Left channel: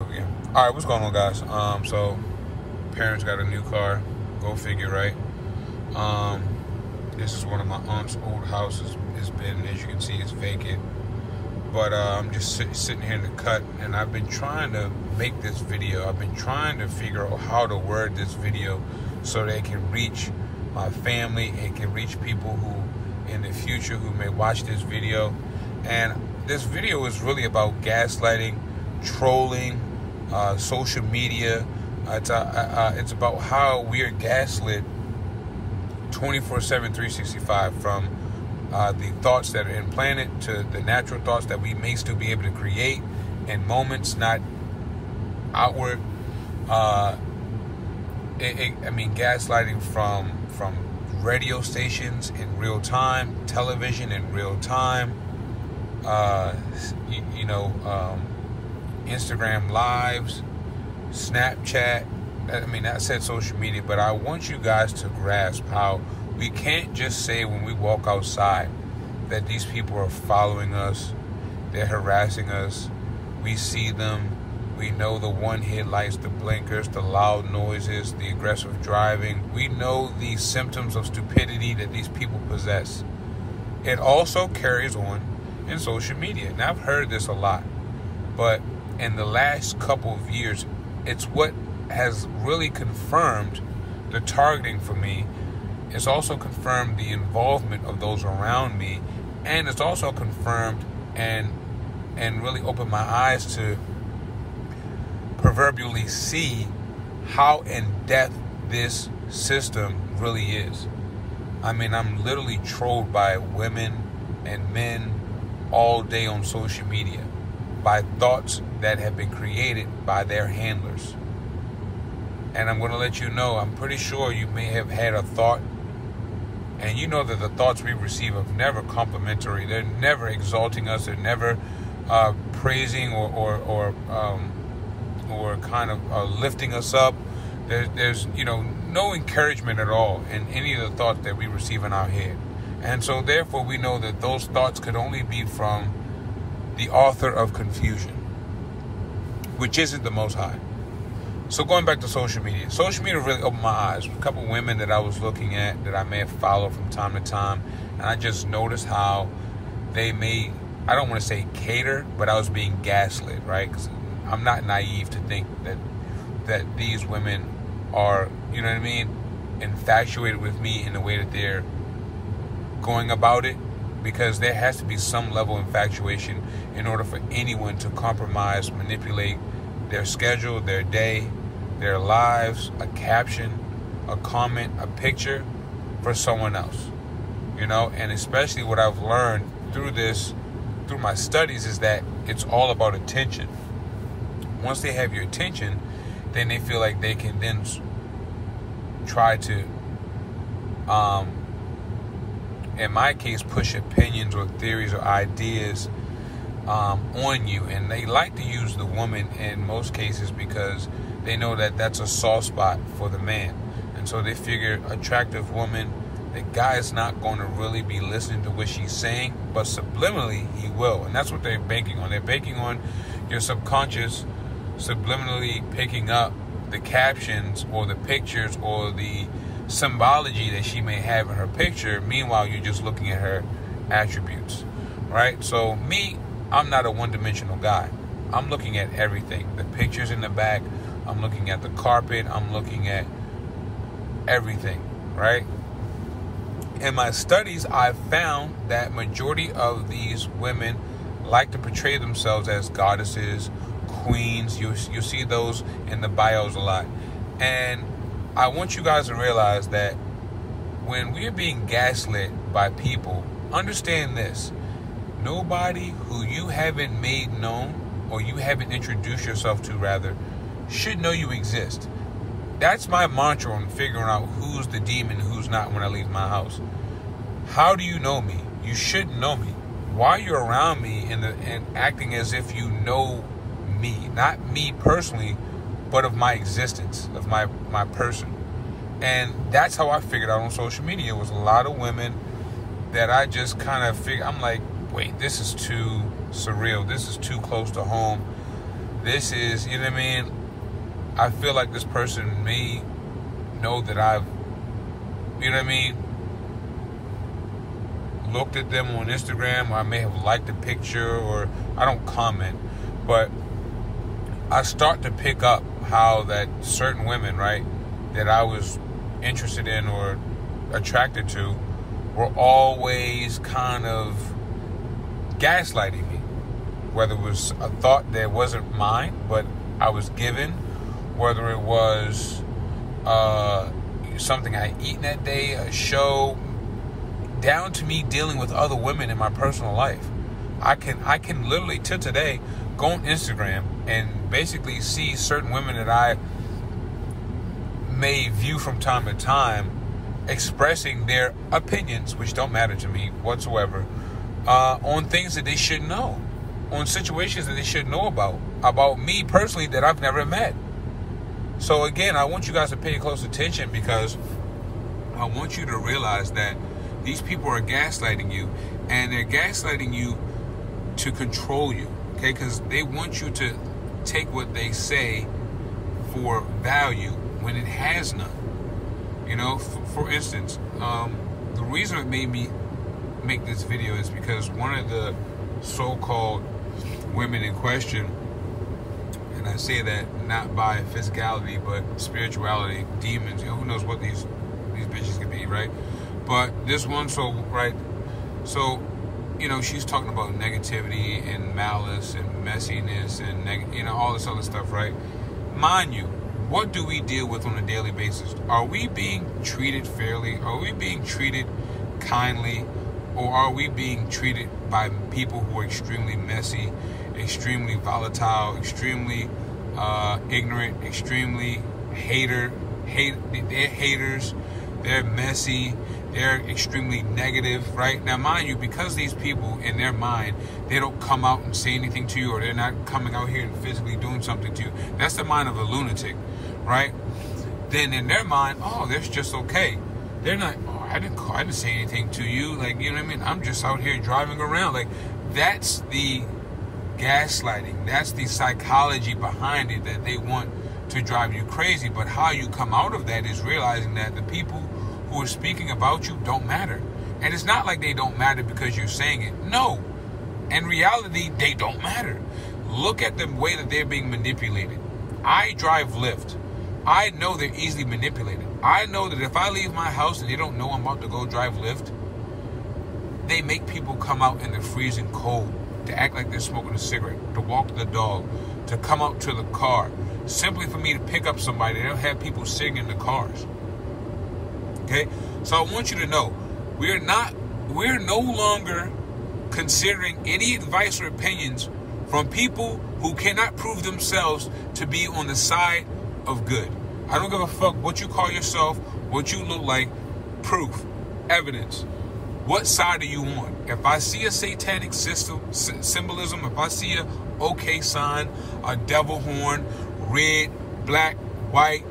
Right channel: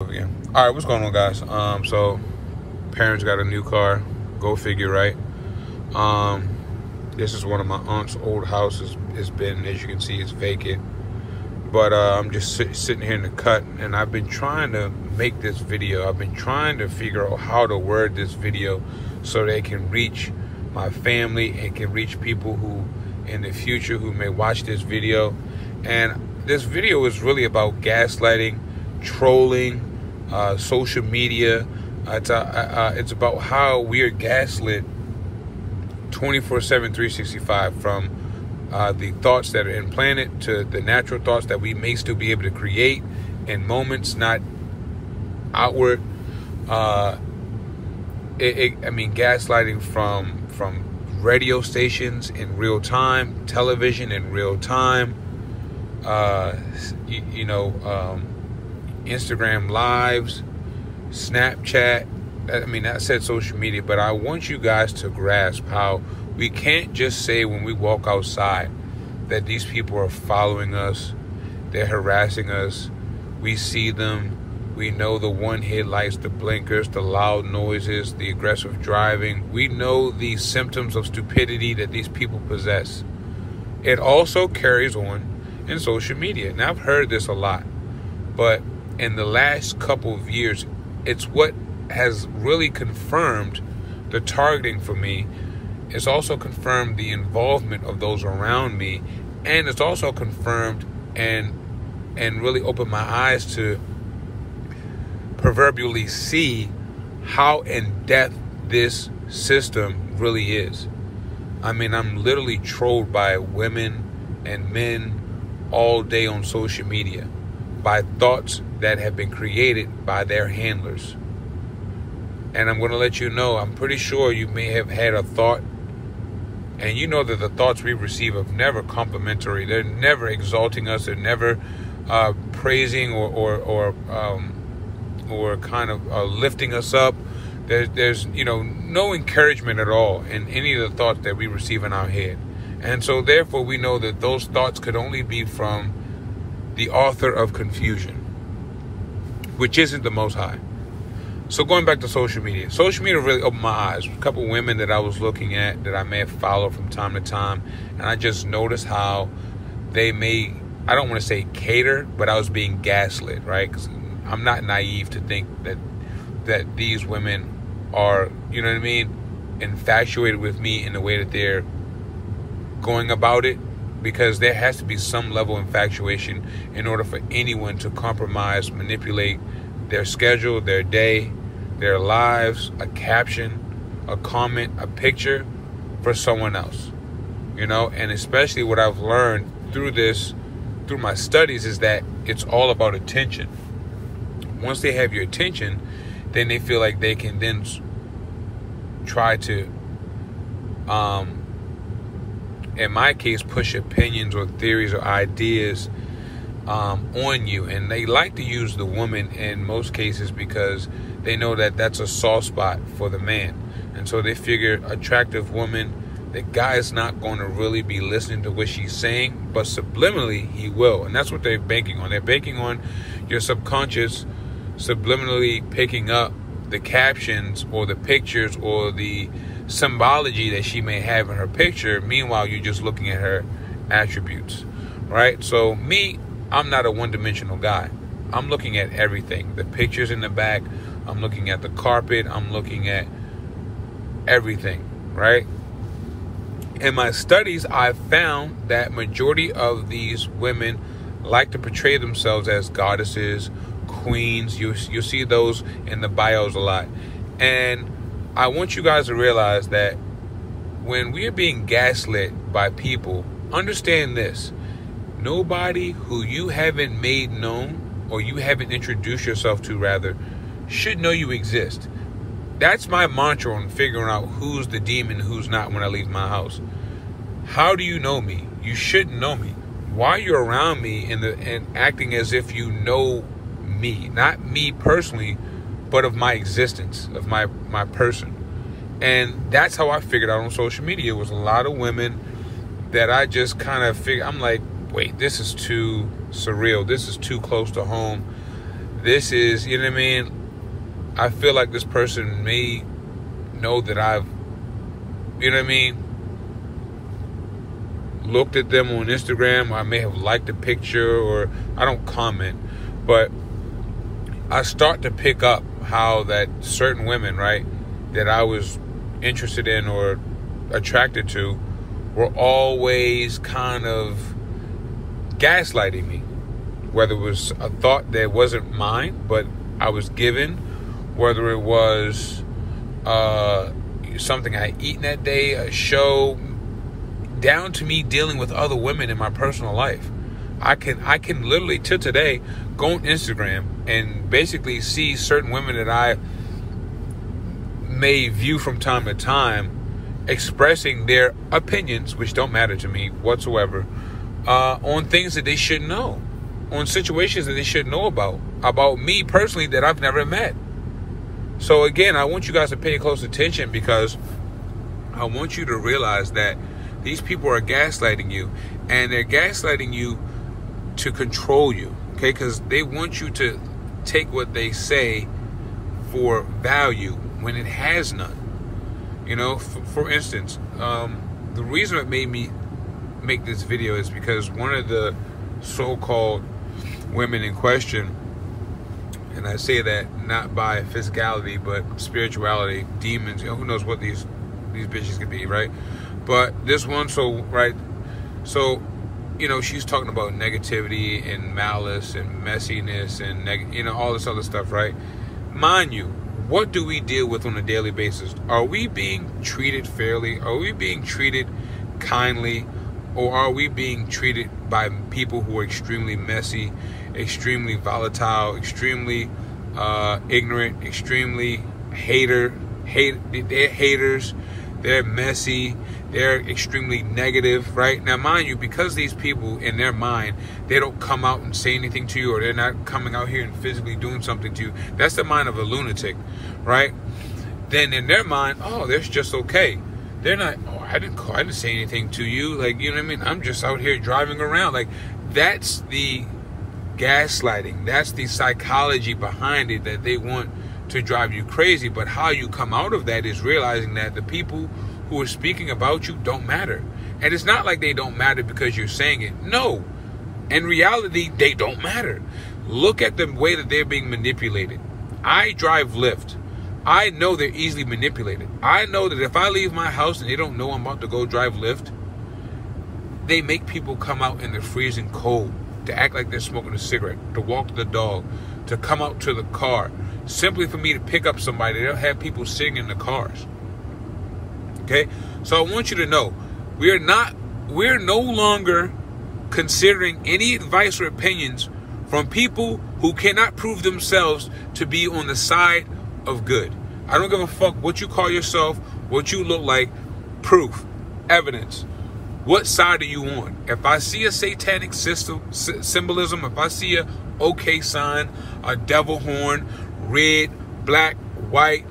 Yeah. All right, what's going on, guys? So parents got a new car. Go figure, right? This is one of my aunt's old houses. It's been, as you can see, it's vacant. But I'm just sitting here in the cut, and I've been trying to make this video. I've been trying to figure out how to word this video so they can reach my family and can reach people who, in the future, who may watch this video. And this video is really about gaslighting, trolling, social media. It's about how we are gaslit 24/7, 365, from the thoughts that are implanted to the natural thoughts that we may still be able to create in moments, not outward. I mean, gaslighting from radio stations in real time, television in real time, Instagram lives, Snapchat. I mean, that said social media, but I want you guys to grasp how we can't just say when we walk outside that these people are following us, they're harassing us. We see them, we know the one headlights, the blinkers, the loud noises, the aggressive driving. We know the symptoms of stupidity that these people possess. It also carries on in social media. Now, I've heard this a lot, but in the last couple of years, it's what has really confirmed the targeting for me. It's also confirmed the involvement of those around me, and it's also confirmed and really opened my eyes to proverbially see how in depth this system really is. I mean, I'm literally trolled by women and men all day on social media by thoughts that have been created by their handlers. And I'm going to let you know, I'm pretty sure you may have had a thought, and you know that the thoughts we receive are never complimentary. They're never exalting us. They're never praising or kind of lifting us up. There's no encouragement at all in any of the thoughts that we receive in our head. And so therefore we know that those thoughts could only be from the author of confusion, which isn't the Most High. So going back to social media really opened my eyes. A couple women that I was looking at that I may have followed from time to time, and I just noticed how they may, I don't want to say cater, but I was being gaslit, right? Because I'm not naive to think that these women are, you know what I mean, infatuated with me in the way that they're going about it, because there has to be some level of infatuation in order for anyone to compromise, manipulate their schedule, their day, their lives, a caption, a comment, a picture for someone else, and especially what I've learned through my studies is that it's all about attention. Once they have your attention, then they feel like they can then try to, in my case, push opinions or theories or ideas on you. And they like to use the woman in most cases because they know that that's a soft spot for the man. And so they figure attractive woman, the guy is not going to really be listening to what she's saying, but subliminally he will. And that's what they're banking on. They're banking on your subconscious subliminally picking up the captions or the pictures or the symbology that she may have in her picture. Meanwhile, you're just looking at her attributes, right? So me, I'm not a one-dimensional guy. I'm looking at everything. The pictures in the back, I'm looking at the carpet, I'm looking at everything, right? In my studies, I've found that majority of these women like to portray themselves as goddesses, queens. You see those in the bios a lot. And I want you guys to realize that when we are being gaslit by people, understand this. Nobody who you haven't made known, or you haven't introduced yourself to, rather, should know you exist. That's my mantra on figuring out who's the demon, who's not when I leave my house. How do you know me? You shouldn't know me. Why are you around me and acting as if you know me? Not me personally, but of my existence, of my person. And that's how I figured out on social media. It was a lot of women that I just kind of figured, I'm like, wait, this is too surreal. This is too close to home. this is, you know what I mean? I feel like this person may know that I've, you know what I mean, looked at them on Instagram, or I may have liked a picture, or I don't comment, but I start to pick up how that certain women, right, that I was interested in or attracted to were always kind of gaslighting me. Whether it was a thought that wasn't mine, but I was given, whether it was something I eaten that day, a show, down to me dealing with other women in my personal life. I can literally, till today, go on Instagram and basically see certain women that I may view from time to time expressing their opinions, which don't matter to me whatsoever, on things that they should know, on situations that they should know about me personally that I've never met. So again, I want you guys to pay close attention, because I want you to realize that these people are gaslighting you, and they're gaslighting you to control you, okay? Because they want you to take what they say for value when it has none. You know, for instance, the reason it made me make this video is because one of the so-called women in question, and I say that not by physicality but spirituality, demons, you know, who knows what these bitches could be, right? But this one, so you know, she's talking about negativity and malice and messiness and you know, all this other stuff, right? Mind you, what do we deal with on a daily basis? Are we being treated fairly? Are we being treated kindly? Or are we being treated by people who are extremely messy, extremely volatile, extremely ignorant, extremely they're haters, they're messy, they're extremely negative, right? Now, mind you, because these people, in their mind, they don't come out and say anything to you, or they're not coming out here and physically doing something to you. That's the mind of a lunatic, right? Then in their mind, oh, that's just okay. They're not, oh, I didn't say anything to you. Like, you know what I mean? I'm just out here driving around. Like, that's the gaslighting. That's the psychology behind it, that they want to drive you crazy. But how you come out of that is realizing that the people who are speaking about you don't matter. And it's not like they don't matter because you're saying it. No. In reality, they don't matter. Look at the way that they're being manipulated. I drive Lyft. I know they're easily manipulated. I know that if I leave my house and they don't know I'm about to go drive Lyft, they make people come out in the freezing cold to act like they're smoking a cigarette, to walk the dog, to come out to the car, simply for me to pick up somebody. They'll have people sitting in the cars. Okay? So I want you to know, we're no longer considering any advice or opinions from people who cannot prove themselves to be on the side of good. I don't give a fuck what you call yourself, what you look like. Proof, evidence. What side are you on? If I see a satanic symbolism, if I see a OK sign, a devil horn, red, black, white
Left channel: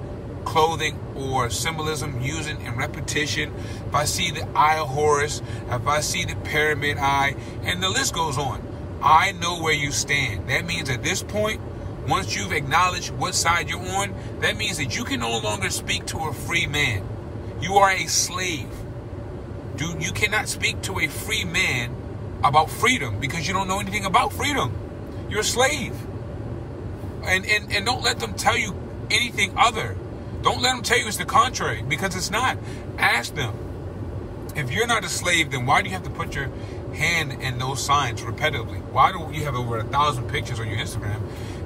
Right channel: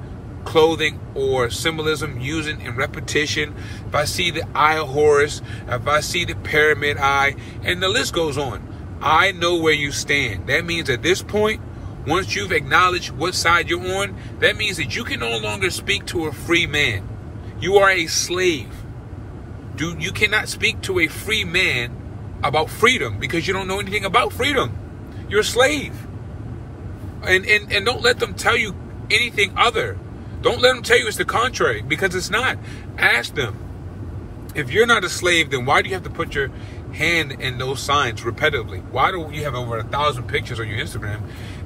clothing or symbolism using in repetition, if I see the eye of Horus, if I see the pyramid eye, and the list goes on, I know where you stand. That means at this point, once you've acknowledged what side you're on, that means that you can no longer speak to a free man. You are a slave. Dude, you cannot speak to a free man about freedom because you don't know anything about freedom. You're a slave. And don't let them tell you anything other. Don't let them tell you it's the contrary, because it's not. Ask them. If you're not a slave, then why do you have to put your hand in those signs repetitively? Why do you have over 1,000 pictures on your Instagram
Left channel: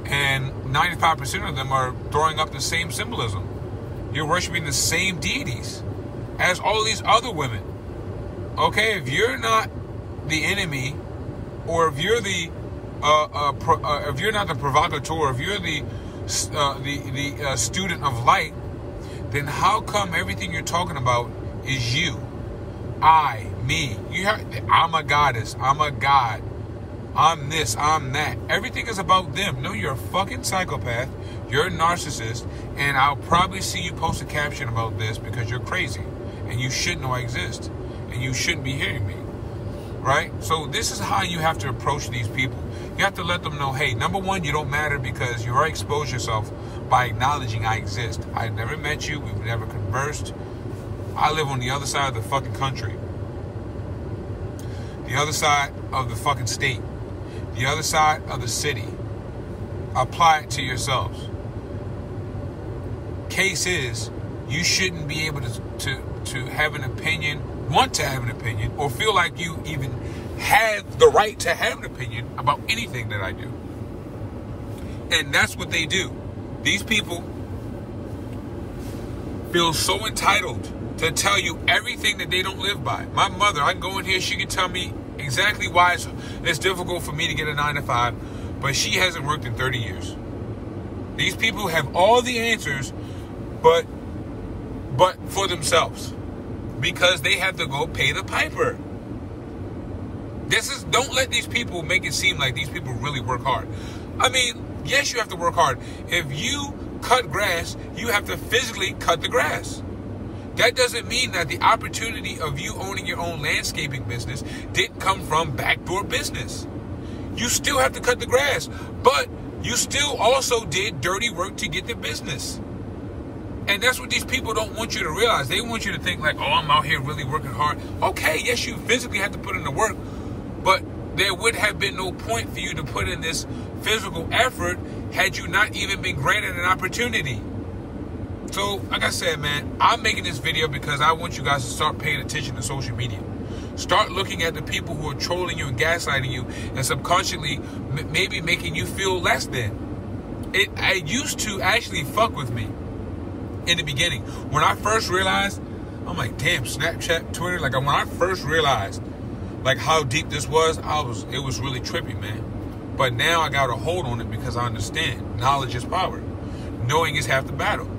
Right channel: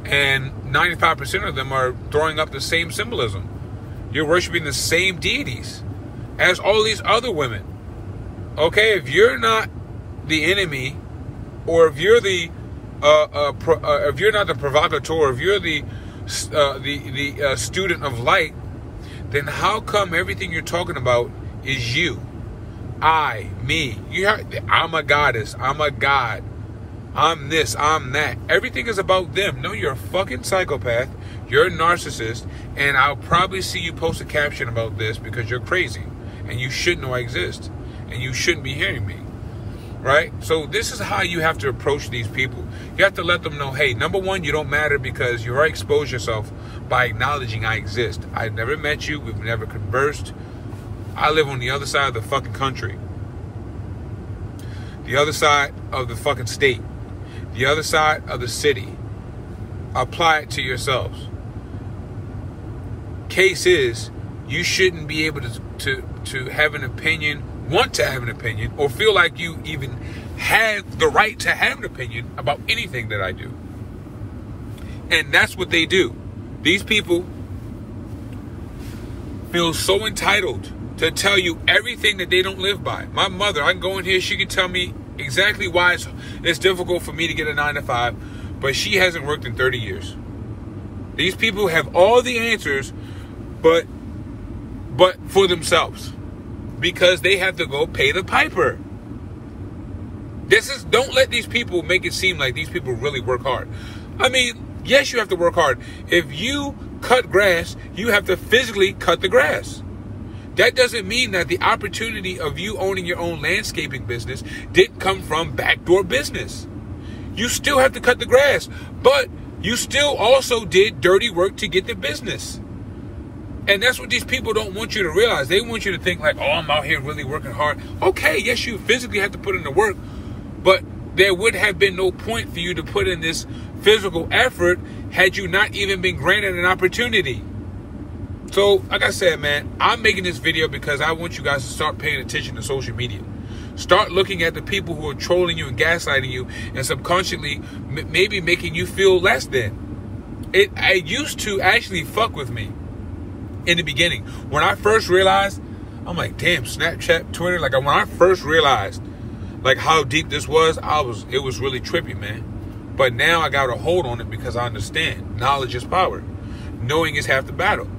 and 95% of them are throwing up the same symbolism? You're worshiping the same deities as all these other women. Okay, if you're not the enemy, or if you're the if you're not the provocateur, if you're the student of light, then how come everything you're talking about is you? I, me. I'm a goddess. I'm a god. I'm this. I'm that. Everything is about them. No, you're a fucking psychopath. You're a narcissist. And I'll probably see you post a caption about this because you're crazy. And you shouldn't know I exist. And you shouldn't be hearing me. right? So this is how you have to approach these people. You have to let them know, hey, number one, you don't matter because you already exposed yourself by acknowledging I exist. I've never met you. We've never conversed. I live on the other side of the fucking country. The other side of the fucking state. The other side of the city. Apply it to yourselves. Case is, you shouldn't be able to have an opinion, want to have an opinion, or feel like you even have the right to have an opinion about anything that I do. And that's what they do. These people feel so entitled to tell you everything that they don't live by. My mother, I can go in here, she can tell me exactly why it's difficult for me to get a 9-to-5, but she hasn't worked in 30 years. These people have all the answers, but for themselves, because they have to go pay the piper. Don't let these people make it seem like these people really work hard. I mean, yes, you have to work hard. If you cut grass, you have to physically cut the grass. That doesn't mean that the opportunity of you owning your own landscaping business didn't come from backdoor business. You still have to cut the grass, but you still also did dirty work to get the business. And that's what these people don't want you to realize. They want you to think like, oh, I'm out here really working hard. Okay, yes, you physically have to put in the work, but there would have been no point for you to put in this physical effort had you not even been granted an opportunity. So, like I said, man, I'm making this video because I want you guys to start paying attention to social media. Start looking at the people who are trolling you and gaslighting you and subconsciously maybe making you feel less than. It used to actually fuck with me in the beginning. When I first realized, I'm like, damn, Snapchat, Twitter, like when I first realized like how deep this was, it was really trippy, man. But now I got a hold on it because I understand knowledge is power. Knowing is half the battle.